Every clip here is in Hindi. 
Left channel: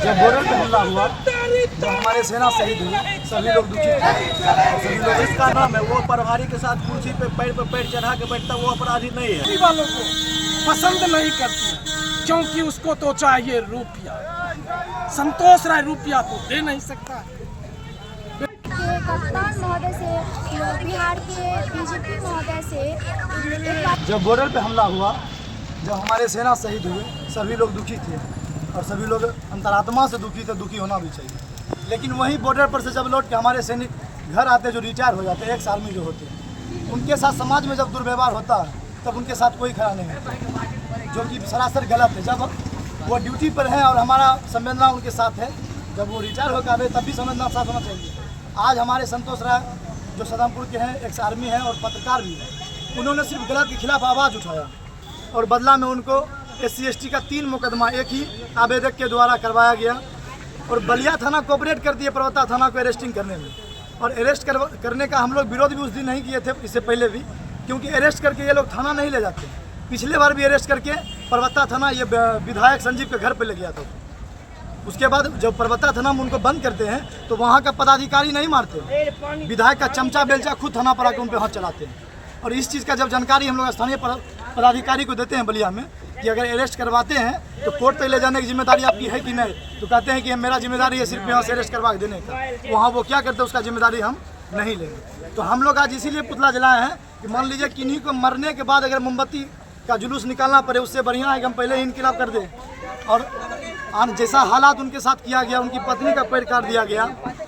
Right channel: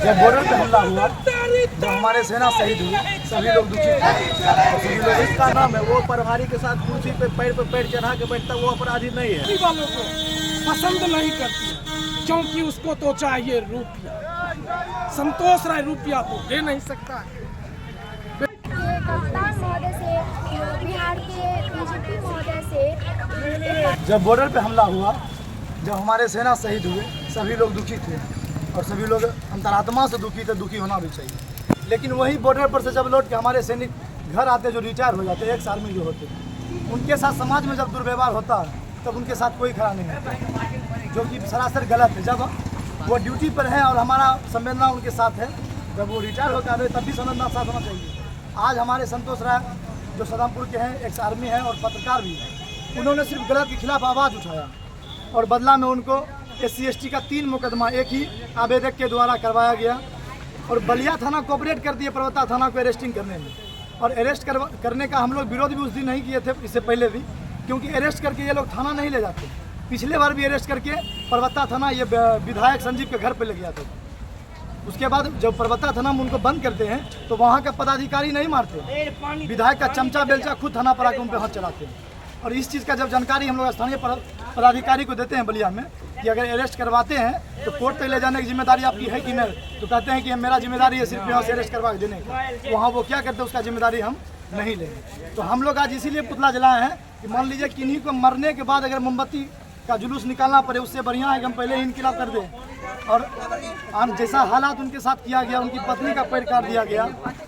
जब बॉर्डर पे हमला हुआ तो हमारे सेना शहीद हुए, सभी लोग दुखी थे। सभी लोग इसका नाम है, वो प्रभारी के साथ कुर्सी पे पैर चढ़ा के बैठता, वो अपराधी नहीं है। वालों को पसंद नहीं करती है क्योंकि उसको तो चाहिए रुपया। संतोष राय रुपया तो दे नहीं सकता। कप्तान महोदय से, बिहार के बीजेपी महोदय से जब बॉर्डर पे हमला हुआ, जब हमारे सेना शहीद हुए, सभी लोग दुखी थे और सभी लोग अंतरात्मा से दुखी थे, दुखी होना भी चाहिए। लेकिन वही बॉर्डर पर से जब लौट के हमारे सैनिक घर आते, जो रिटायर हो जाते, एक्स आर्मी जो होते, उनके साथ समाज में जब दुर्व्यवहार होता तब उनके साथ कोई खड़ा नहीं होता, जो कि सरासर गलत है। जब वो ड्यूटी पर है और हमारा संवेदना उनके साथ है, जब वो रिटायर होकर आए तब भी संवेदना साथ होना चाहिए। आज हमारे संतोष राय जो सदामपुर के हैं, एक्स आर्मी हैं और पत्रकार भी हैं, उन्होंने सिर्फ गलत के खिलाफ आवाज़ उठाया और बदला में उनको SC ST का 3 मुकदमा एक ही आवेदक के द्वारा करवाया गया और बलिया थाना कोऑपरेट कर दिए परबत्ता थाना को अरेस्टिंग करने में। और अरेस्ट करने का हम लोग विरोध भी उस दिन नहीं किए थे, इससे पहले भी, क्योंकि अरेस्ट करके ये लोग थाना नहीं ले जाते। पिछले बार भी अरेस्ट करके परबत्ता थाना ये विधायक संजीव के घर पर ले गया था। उसके बाद जब परबत्ता थाना में उनको बंद करते हैं तो वहाँ का पदाधिकारी नहीं मारते, विधायक का चमचा बेलचा खुद थाना पर आकर उन पर हाथ चलाते हैं। और इस चीज़ का जब जानकारी हम लोग स्थानीय पदाधिकारी को देते हैं बलिया में कि अगर अरेस्ट करवाते हैं तो कोर्ट तक ले जाने की जिम्मेदारी आपकी है कि नहीं, तो कहते हैं कि मेरा जिम्मेदारी है सिर्फ यहाँ से अरेस्ट करवा देने का। वहाँ वो क्या करते हैं उसका जिम्मेदारी हम नहीं लेंगे। तो हम लोग आज इसीलिए पुतला जलाए हैं कि मान लीजिए किन्हीं को मरने के बाद अगर मोमबत्ती का जुलूस निकालना पड़े, उससे बढ़िया है कि हम पहले ही इनकलाब कर दें। और जैसा हालात उनके साथ किया गया, उनकी पत्नी का पैर काट दिया गया,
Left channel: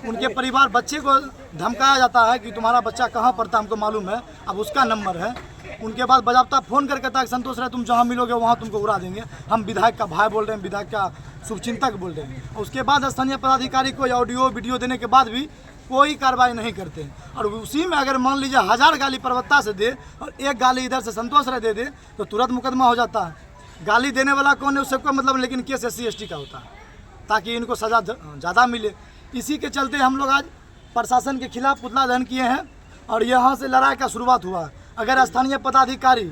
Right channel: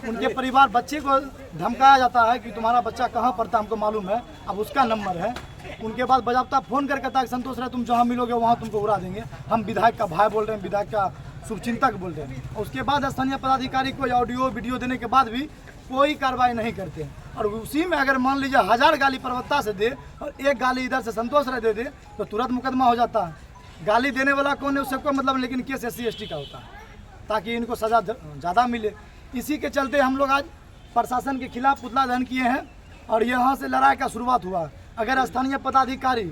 उनके परिवार बच्चे को धमकाया जाता है कि तुम्हारा बच्चा कहाँ पढ़ता हमको मालूम है, अब उसका नंबर है। उनके बाद बजाबता फ़ोन करके कहता है संतोष राय तुम जहाँ मिलोगे वहाँ तुमको उड़ा देंगे। हम विधायक का भाई बोल रहे हैं, विधायक का शुभचिंतक बोल रहे हैं। और उसके बाद स्थानीय पदाधिकारी को ऑडियो वीडियो देने के बाद भी कोई कार्रवाई नहीं करते हैं। और उसी में अगर मान लीजिए 1000 गाली परबत्ता से दे और एक गाली इधर से संतोष राय दे दे तो तुरंत मुकदमा हो जाता है। गाली देने वाला कौन है उससे कोई मतलब, लेकिन केस SC ST का होता है ताकि इनको सज़ा ज़्यादा मिले। इसी के चलते हम लोग आज प्रशासन के खिलाफ पुतला दहन किए हैं और यहाँ से लड़ाई का शुरुआत हुआ। अगर स्थानीय पदाधिकारी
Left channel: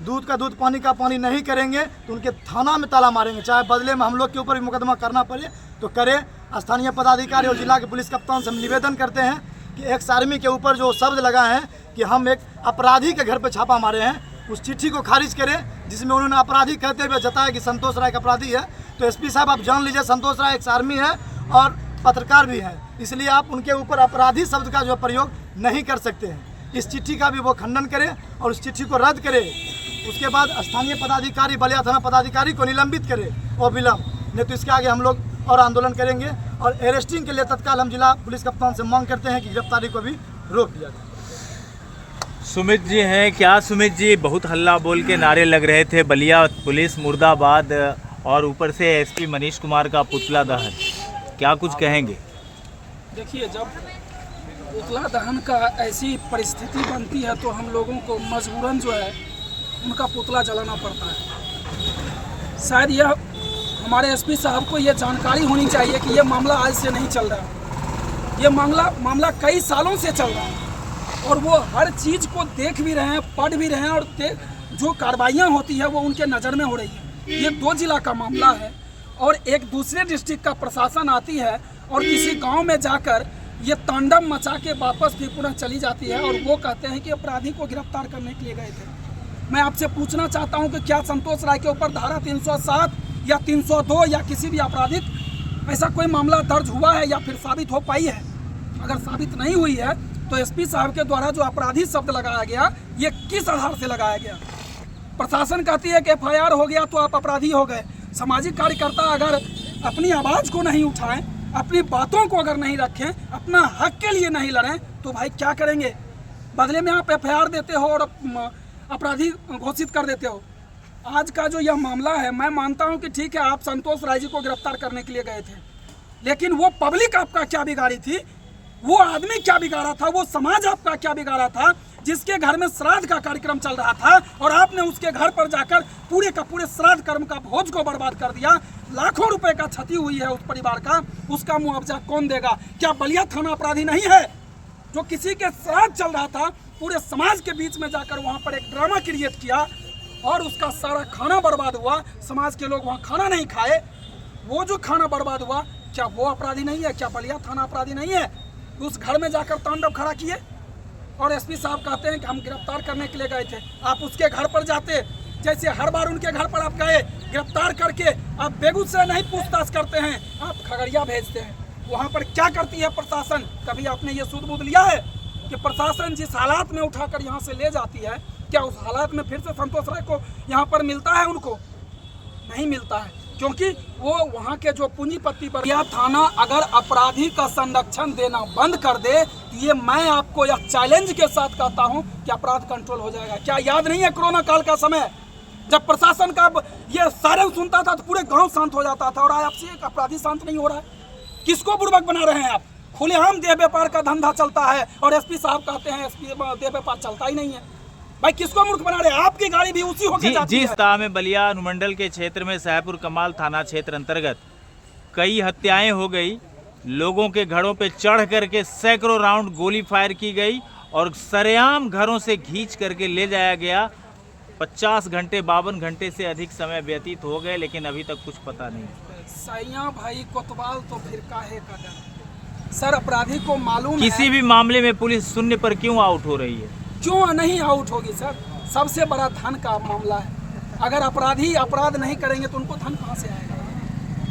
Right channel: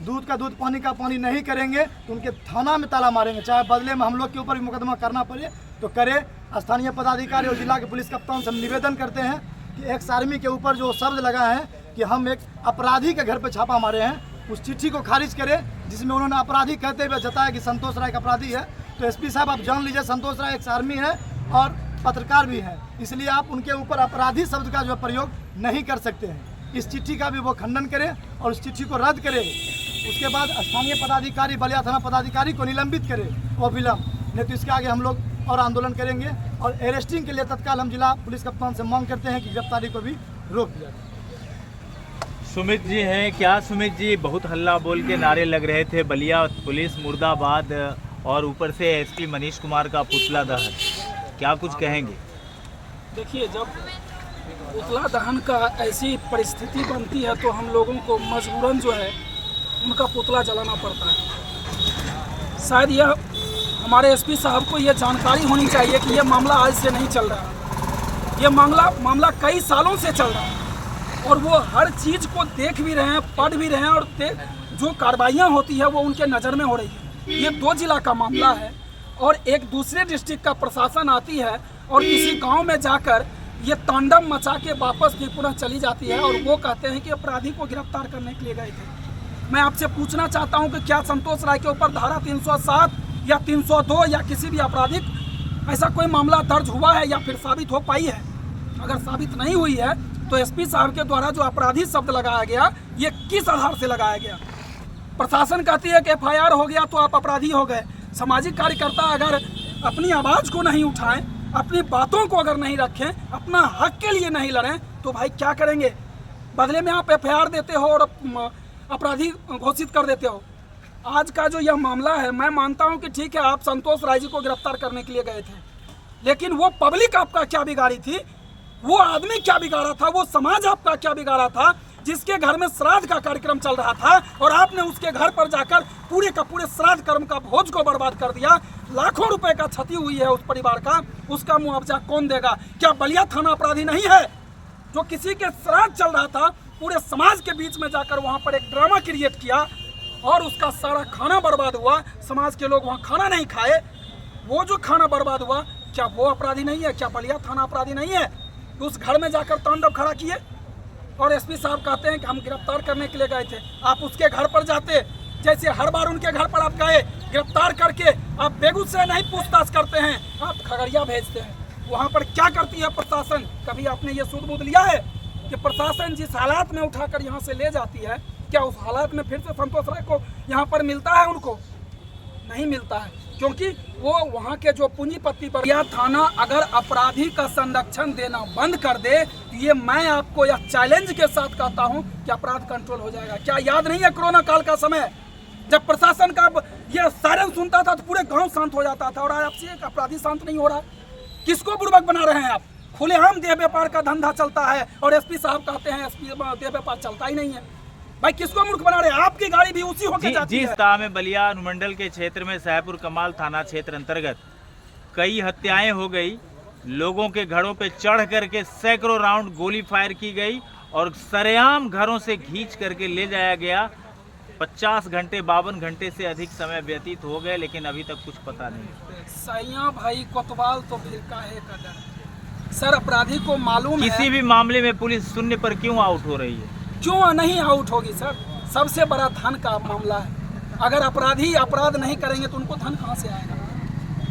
दूध का दूध पानी का पानी नहीं करेंगे तो उनके थाना में ताला मारेंगे, चाहे बदले में हम लोग के ऊपर भी मुकदमा करना पड़े तो करें। स्थानीय पदाधिकारी और जिला के पुलिस कप्तान से हम निवेदन करते हैं कि एक्स आर्मी के ऊपर जो शब्द लगाए हैं कि हम एक अपराधी के घर पर छापा मारे हैं, उस चिट्ठी को खारिज करें जिसमें उन्होंने अपराधी कहते हुए जताया कि संतोष राय का अपराधी है। तो SP साहब आप जान लीजिए संतोष राय एक्स आर्मी है और पत्रकार भी हैं, इसलिए आप उनके ऊपर अपराधी शब्द का जो प्रयोग नहीं कर सकते हैं। इस चिट्ठी का भी वो खंडन करें और उस चिट्ठी को रद्द करें। उसके बाद स्थानीय पदाधिकारी बलिया थाना पदाधिकारी को निलंबित करें वो विलम्ब, नहीं तो इसके आगे हम लोग और आंदोलन करेंगे। और अरेस्टिंग के लिए तत्काल हम जिला पुलिस कप्तान से मांग करते हैं कि गिरफ्तारी को भी रोक दिया जाए। सुमित जी हैं क्या? सुमित जी, बहुत हल्ला बोल के नारे लग रहे थे, बलिया पुलिस मुर्दाबाद, और ऊपर से SP मनीष कुमार का पुतला दहन, क्या कुछ कहेंगे? देखिए, जब पुतला दहन का ऐसी परिस्थिति बनती है तो हम लोगों को मजबूरन जो है उनका पुतला जलाना पड़ता है। शायद यह हमारे SP साहब को यह जानकारी होनी चाहिए कि यह मामला आज से नहीं चल रहा, यह मामला कई सालों से चल रहा है और वो हर चीज़ को देख भी रहे हैं, पढ़ भी रहे हैं और जो कार्रवाइयाँ होती है वो उनके नज़र में हो रही है। ये 2 जिला का मामला है और एक दूसरे डिस्ट्रिक्ट का प्रशासन आती है और किसी गांव में जाकर ये तांडव मचा के वापस फिर पुनः चली जाती है और वो कहते हैं कि अपराधी को गिरफ्तार करने के लिए गए थे। मैं आपसे पूछना चाहता हूं कि क्या संतोष राय के ऊपर धारा 307 या 302 या किसी भी आपराधिक ऐसा कोई मामला दर्ज हुआ है या फिर साबित हो पाई है? अगर साबित नहीं हुई है तो SP साहब के द्वारा जो अपराधी शब्द लगाया गया ये किस आधार से लगाया गया? प्रशासन कहती है कि FIR हो गया तो आप अपराधी हो गए। सामाजिक कार्यकर्ता अगर अपनी आवाज़ को नहीं उठाएं, अपनी बातों को अगर नहीं रखें, अपना हक के लिए नहीं लड़ें तो भाई क्या करेंगे? बदले में आप FIR देते हो और अपराधी घोषित कर देते हो। आज का जो यह मामला है, मैं मानता हूं कि ठीक है आप संतोष राय जी को गिरफ्तार करने के लिए गए थे, लेकिन वो पब्लिक आपका क्या बिगाड़ी थी? वो आदमी क्या बिगाड़ा था? वो समाज आपका क्या बिगाड़ा था जिसके घर में श्राद्ध का कार्यक्रम चल रहा था और आपने उसके घर पर जाकर पूरे का पूरे श्राद्ध कर्म का भोज को बर्बाद कर दिया? लाखों रुपए का क्षति हुई है उस परिवार का, उसका मुआवजा कौन देगा? क्या बलिया थाना अपराधी नहीं है? जो किसी के श्राद्ध चल रहा था, पूरे समाज के बीच में जाकर वहां पर एक ड्रामा क्रिएट किया और उसका सारा खाना बर्बाद हुआ, समाज के लोग वहां खाना नहीं खाए, वो जो खाना बर्बाद हुआ, क्या वो अपराधी नहीं है? क्या बलिया थाना अपराधी नहीं है? उस घर में जाकर तांडव खड़ा किए और एसपी साहब कहते हैं कि हम गिरफ्तार करने के लिए गए थे। आप उसके घर पर जाते, जैसे हर बार उनके घर पर आप गए, गिरफ्तार करके आप बेगूसराय नहीं पूछताछ करते हैं, आप खगड़िया भेजते हैं। वहाँ पर क्या करती है प्रशासन? कभी आपने ये सूद बूद लिया है कि प्रशासन जिस हालात में उठाकर यहाँ से ले जाती है, क्या उस हालात में फिर से संतोष राय को यहाँ पर मिलता है? उनको नहीं मिलता है, क्योंकि वो वहाँ के जो पूंजीपति पर। यह थाना अगर अपराधी का संरक्षण देना बंद कर दे तो ये मैं आपको यह चैलेंज के साथ कहता हूँ कि अपराध कंट्रोल हो जाएगा। क्या याद नहीं है कोरोना काल का समय, जब प्रशासन का ये सायरन सुनता था तो पूरे गांव शांत हो जाता था, और आज आपसे एक अपराधी शांत नहीं हो रहा है। किसको बुर्बक बना रहे हैं आप? खुलेआम देह व्यापार का धंधा चलता है और एसपी साहब कहते हैं एसपी देह व्यापार चलता ही नहीं है। भाई किसको मूर्ख बना रहे हैं? आपकी गाड़ी भी उसी होकर जाती है। जिस तरह में बलिया अनुमंडल के क्षेत्र में साहेबपुर कमाल थाना क्षेत्र अंतर्गत कई हत्याएं हो गई, लोगों के घरों पे चढ़ करके सैकड़ों राउंड गोली फायर की गई और सरेआम घरों से खींच करके ले जाया गया। 50 घंटे 52 घंटे से अधिक समय व्यतीत हो गए, लेकिन अभी तक कुछ पता नहीं। सैया भाई कोतवाल तो फिर काहे का डर? सर अपराधी को मालूम है। किसी भी मामले में पुलिस शून्य पर क्यों आउट हो रही है? क्यों नहीं आउट होगी सर? सबसे बड़ा धन का मामला है। अगर अपराधी अपराध नहीं करेंगे तो उनको धन कहाँ से आएगा?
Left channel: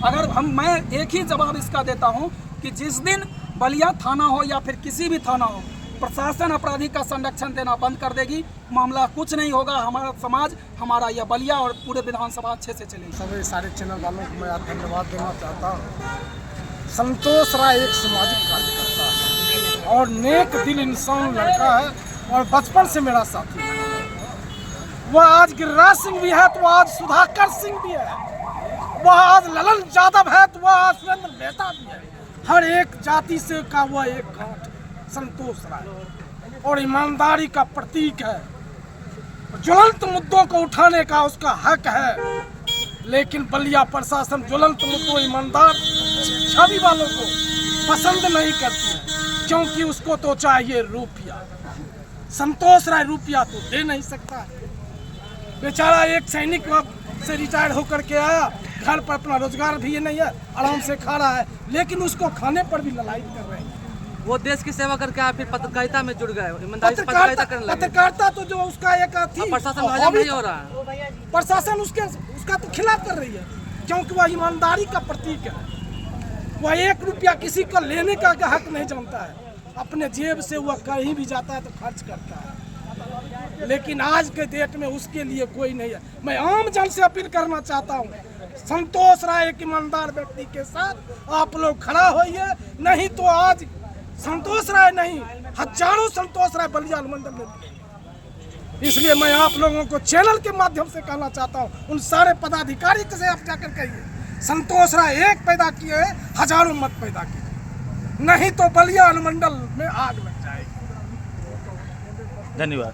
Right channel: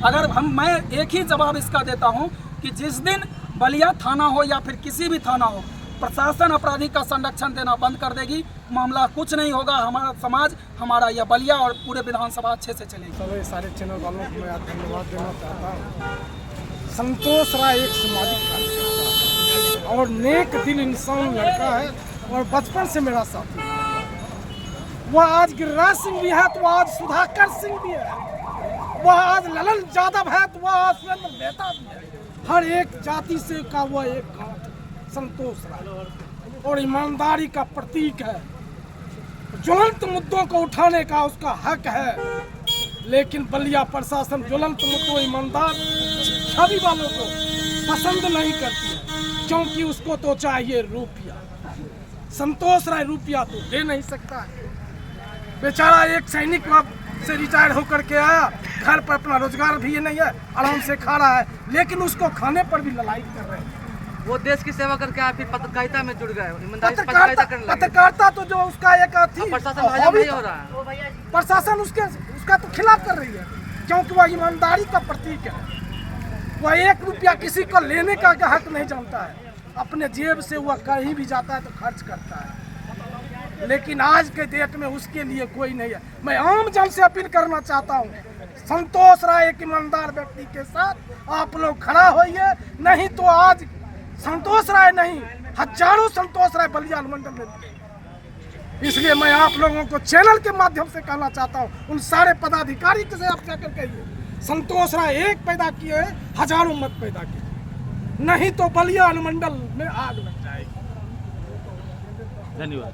अगर मैं एक ही जवाब इसका देता हूँ कि जिस दिन बलिया थाना हो या फिर किसी भी थाना हो, प्रशासन अपराधी का संरक्षण देना बंद कर देगी, मामला कुछ नहीं होगा। हमारा समाज, हमारा यह बलिया और पूरे विधानसभा अच्छे से चलेगी। सभी सारे चैनल वालों को मैं धन्यवाद देना चाहता हूँ। संतोष राय एक सामाजिक कार्यकर्ता है और नेक दिल इंसान लड़का है और बचपन से मेरा साथी है। वह आज गिरिराज सिंह भी है तो आज सुधाकर सिंह भी है, वह आज ललन यादव है तो वह आज सुरेंद्र मेहता भी है। हर एक जाति से का वह एक गांठ संतोष राय और ईमानदारी का प्रतीक है। ज्वलंत मुद्दों को उठाने का उसका हक है, लेकिन बलिया प्रशासन ज्वलंत मुद्दों, ईमानदार छवि वालों को पसंद नहीं करती है, क्योंकि उसको तो चाहिए रुपया। संतोष राय रुपया तो दे नहीं सकता है। बेचारा एक सैनिक से रिटायर होकर के आया, घर पर अपना रोजगार भी ये नहीं है, आराम से खा रहा है, लेकिन उसको खाने पर भी ललायत कर रहे हैं। वो देश की सेवा करके आया, फिर पत्रकारिता में जुड़ गए, ईमानदारी से पत्रकारिता करने लगे। पत्रकारिता तो जो उसका एक थी, प्रशासन नहीं हो रहा है। प्रशासन उसका तो खिलाफ कर रही है, क्योंकि वह ईमानदारी का प्रतीक है। वह 1 रुपया किसी को लेने का हक नहीं जानता है, अपने जेब से वह कहीं भी जाता है तो खर्च करता है। लेकिन आज के डेट में उसके लिए कोई नहीं है। मैं आम जन से अपील करना चाहता हूँ, संतोष राय एक ईमानदार व्यक्ति के साथ आप लोग खड़ा होइए, नहीं तो आज संतोष राय नहीं, हजारों संतोष राय बलिया अनुमंडल में मिलेंगे। इसलिए मैं आप लोगों को चैनल के माध्यम से कहना चाहता हूँ, उन सारे पदाधिकारी से आप जाकर कहिए, संतोष राय एक पैदा किए, हजारों मत पैदा किए, नहीं तो बलिया अनुमंडल में आग लग जाएगी। धन्यवाद।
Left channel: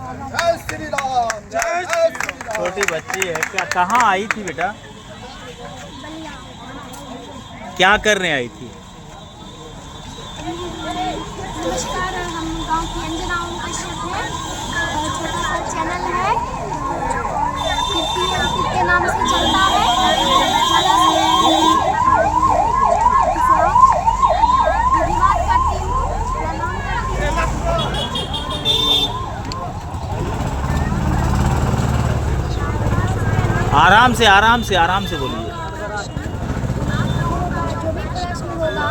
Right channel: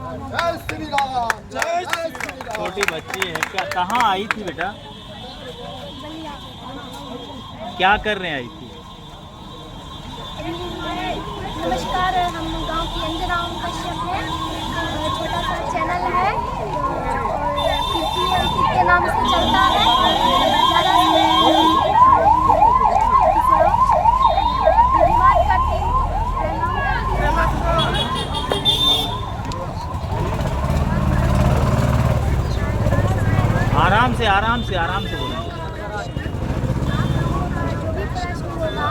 जय श्री राम, जय श्री राम। छोटी बच्ची है, क्या कहाँ आई थी बेटा? बलिया। क्या करने आई थी? नमस्कार, हम गांव की अंजना ओम कश्यप हैं। छोटा सा चैनल है और कीर्ति अंकित के नाम से चलता है। ज़्यादा से धन्यवाद करती हूँ, प्रणाम करती हूँ। आराम से बोलिए। जो भी प्रश्न होगा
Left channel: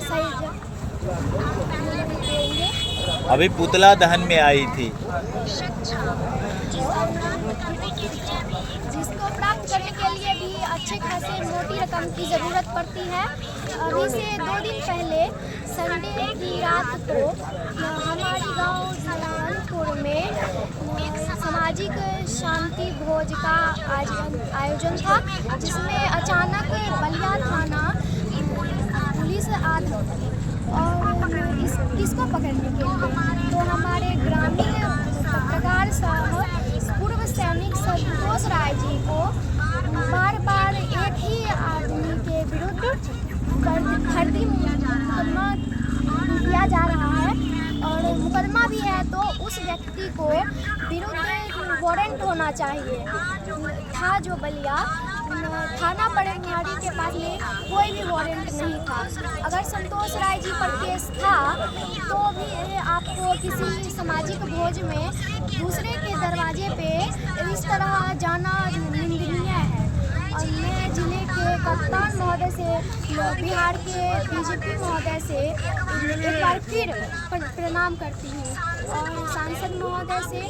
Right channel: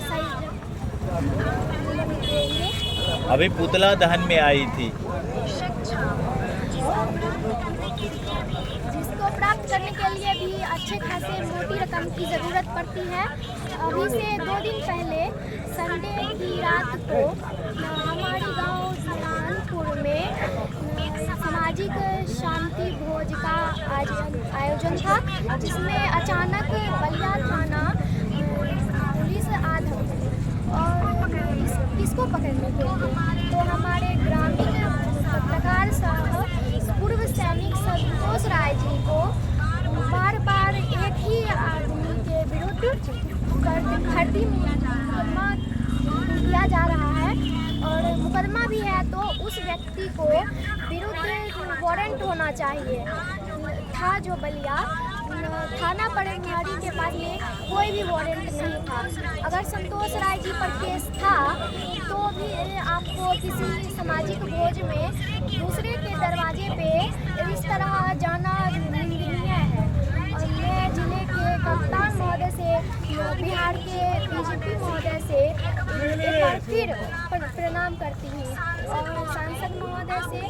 सही देंगे। अभी पुतला दहन में आई थी, जिसको प्राप्त करने के लिए भी अच्छे खासे मोटी रकम की ज़रूरत पड़ती है। अभी से 2 दिन पहले संडे की रात को हमारे गांव नारायणपुर में सामाजिक शांति भोज का आयोजन था, जिसमें अचानक बलिया थाना पुलिस आ धमकी और इसको पकड़ने के लिए, तो हमारे ग्रामीण पत्रकार साहब पूर्व सैनिक संतोष राय जी को बार बार एक ही आदमी के विरुद्ध फर्जी मुकदमा किया जा रहा है, और मुकदमा भी है तो उस व्यक्ति को विरुद्ध वारंट होना चाहिए था जो बलिया, थाना पड़ेंगहाड़ी के पास में कोई भी वारंट नहीं था। अगर संतोष राय जी पर केस था तो भी आपको किसी सामाजिक भोज में दूसरे के दरवाजे पे इस तरह जाना निंदनीय है। और मैं जिले के कप्तान महोदय से, बिहार के बीजेपी महोदय से एक बार फिर प्रणाम करती हूँ और सांसद महोदय से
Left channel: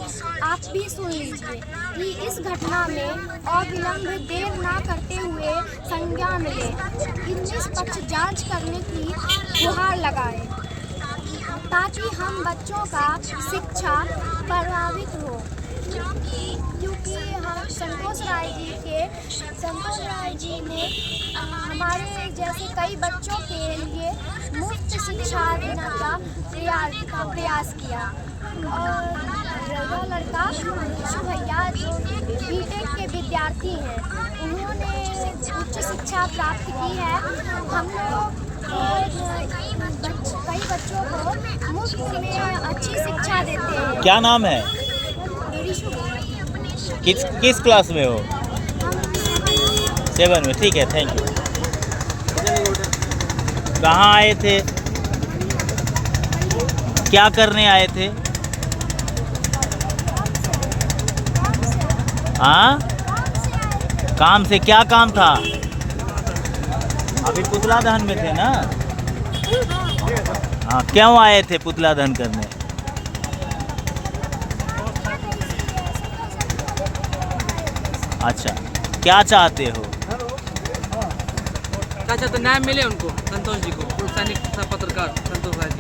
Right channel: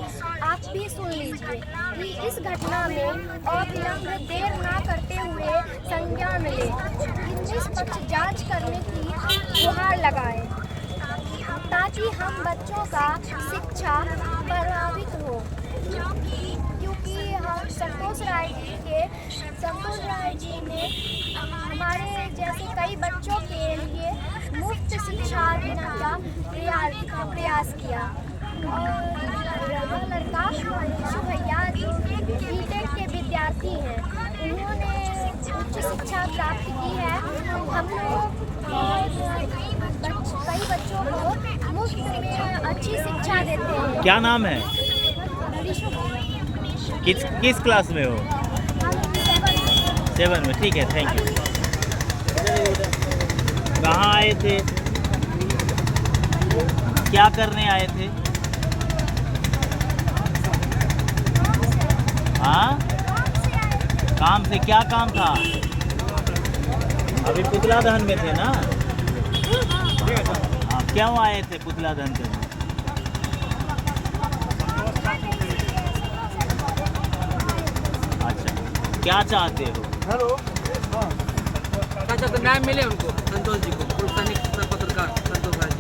आप भी सुन लीजिए कि इस घटना में अविलंब देर ना करते हुए संज्ञान लें, निष्पक्ष जांच करने की गुहार लगाएं ताकि हम बच्चों का शिक्षा प्रभावित हो। क्योंकि हम संतोष राय जी ने हमारे जैसे कई बच्चों के लिए मुफ्त शिक्षा देने का प्रयास किया। और वह लड़का ऋषु भैया जो बीटेक के विद्यार्थी हैं, उन्होंने उच्च शिक्षा प्राप्त की है। हम लोग कई बच्चों को मुफ्त में अच्छी शिक्षा देते हैं। क्या नाम है? ऋषु भैया। किस क्लास में हो? हम 7 में। ठीक है, थैंक यू। कहाँ आए थे? क्या करने आए थे? हाँ, काम से। क्या काम था? अभी पुतला दहन में थे ना? हाँ, क्यों आए थे पुतला दहन करने? अच्छा, क्या चाहते हो? अच्छा, तो न्याय मिले उनको, संतोष जी को, पत्रकार संतोष राय जी।